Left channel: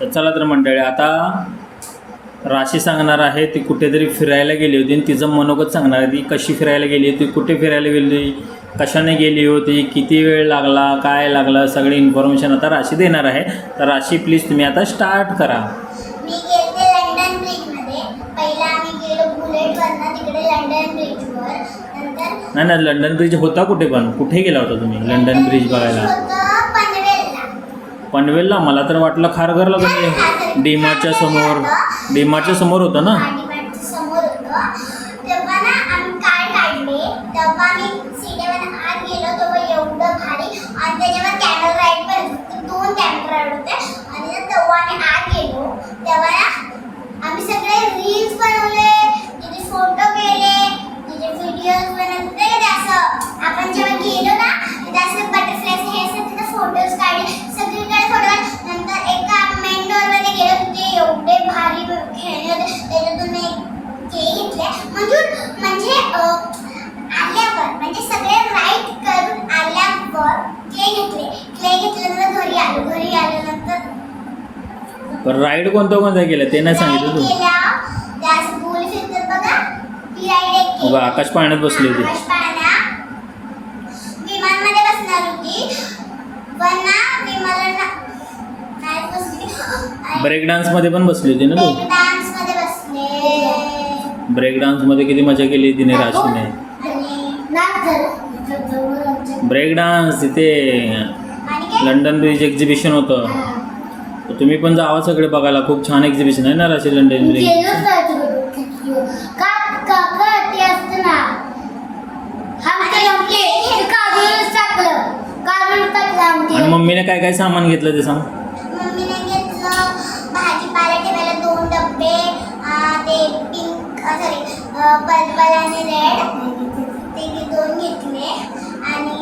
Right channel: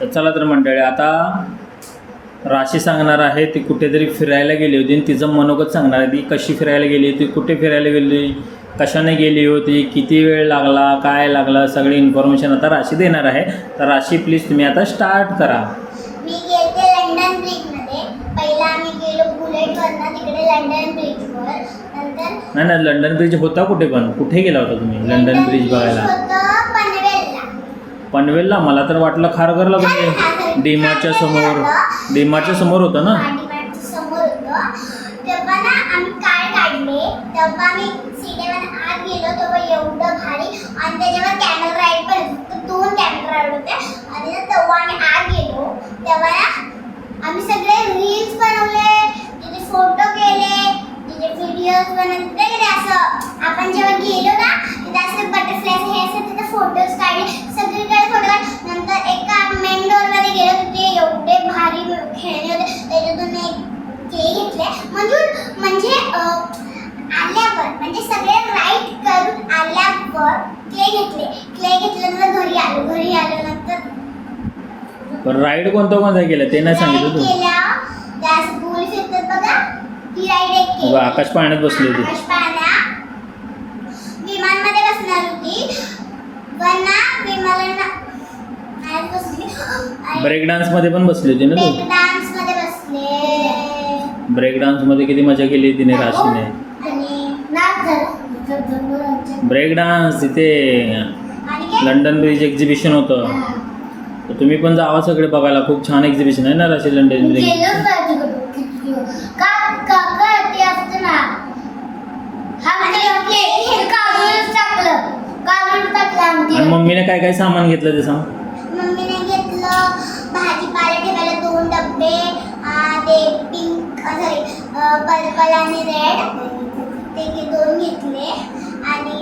तर चला तर मंडळी, आता राशी सांगणार आहे. ती कुठेतरी फिरायला गेली होती आणि तिचं मनोगत सांगणार आहे. ती कशी फिरायला गेली होती, कुठे फिरायला गेली, कशाने गेली होती, किती वेळ लागला, काय लागला, सगळी इन्फॉर्मेशन आता राशी देणार आहे. तर राशी प्लीज तुम्ही आता स्टार्ट करा. मी गेले लंडन ब्रिजमध्ये. पहिला आम्ही गेलो बुलेटवरनं तिकडे लंडन ब्रिजवर. नंतर नाही लंडन ब्रिज होता कुठे, पण कुठे गेला होता तुम्ही लंडन ब्रिज बघायला? पनवेलला. पनवेलला? मला तर वाटलं खारघरला. म्हणजे डीमार्टच्या समोर होतं ना? डीमार्टच्या समोर होतं. तेव्हा ना आम्ही कार्ड काढले. तेव्हा आम्ही सीटेवर आत गेलो तेव्हा एवढं भारी. आणि त्याच्यावर कॅमेरा राईड पण होते. 2 कॅमेरा राईड होते. आणि तेव्हा आम्ही आत गेलो तेव्हा ना आम्ही सगळे रील्स बनवले, तिथे फोटो केले, तिथे व्हिडिओज बनवले. असं आपण जेव्हा गेलो ना तिथे असं बटरफ्लाय हे असं तिथे फोटोज काढले. सगळीकडे फोटो काढले. नंतर एका मेन डोअरमध्ये गेलो तिथे एवढे भारी खेळणे होते. त्याच्यातून ते घेतले. म्हणजे आल्यावर म्हणजे सगळे राईड करून आल्यावर क्ले घेतल्यानंतर घरी आल्यानंतर राईड कोणता केला ते नाही सांगितलं तू? त्या गोल फिरतात बघा, ती राईड एक केली. आकाश पाळण्यात बसली होती. आकाश पाळणा विमानमध्ये बसणार होती. पण ना विमानाला नाही बसली. ब्रेक डान्स मध्ये पण बसली होती ना तू? ब्रेक डान्स मध्ये बसले. ब्रेक डान्स मध्ये किती मजा केली तिने राशीने. आणि नाच झाला. ब्रेक डान्स तिथे आणि काय लंडन ब्रिज एक्झिबिशन होतं. तर तुम्ही पण जावा सगळे बघायला. खूप छान एक्झिबिशन आहे ना राशी लंडन ब्रिज. आणि मम्मीने काय काय सामान घेतलं ते सांग. मम्मीने घेतलं भाजीपाला ठेवायला 2 डब्बे. ते पिंक सॉरी पर्पल आणि रेड ते 2 घेतले. आणि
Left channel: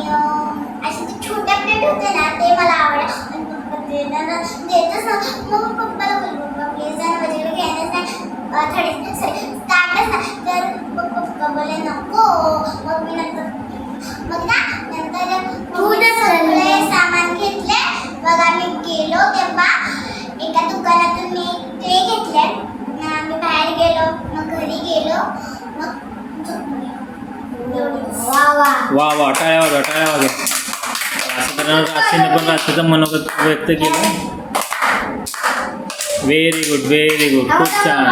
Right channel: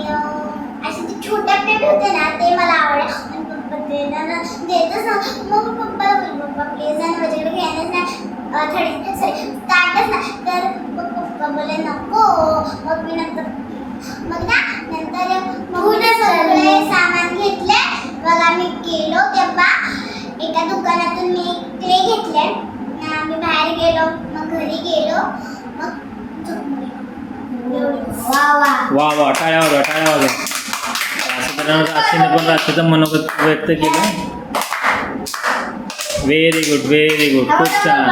असे ते छोटे प्लेट होते ना ते मला आवडले. आणि पप्पा देतच ना. मग पप्पाला बोललो पप्पा प्लीज ना माझ्याकडे घ्यायलाच नाही थोडे सॉरी ताटच ना. तर पप्पा बोलले नको. मग मी मग ना नंतर सगळे सामान घेतले. मग आम्ही गेलो तेव्हा एका दुकानातून मी क्ले घेतले. आम्ही बाहेर गेलो. मग घरी गेलो. मग वा वा, टाळ्या वाजवा. राशीने पण राशीचं मनोगत व्यक्त केलं. व्हेरी गुड खूप छान.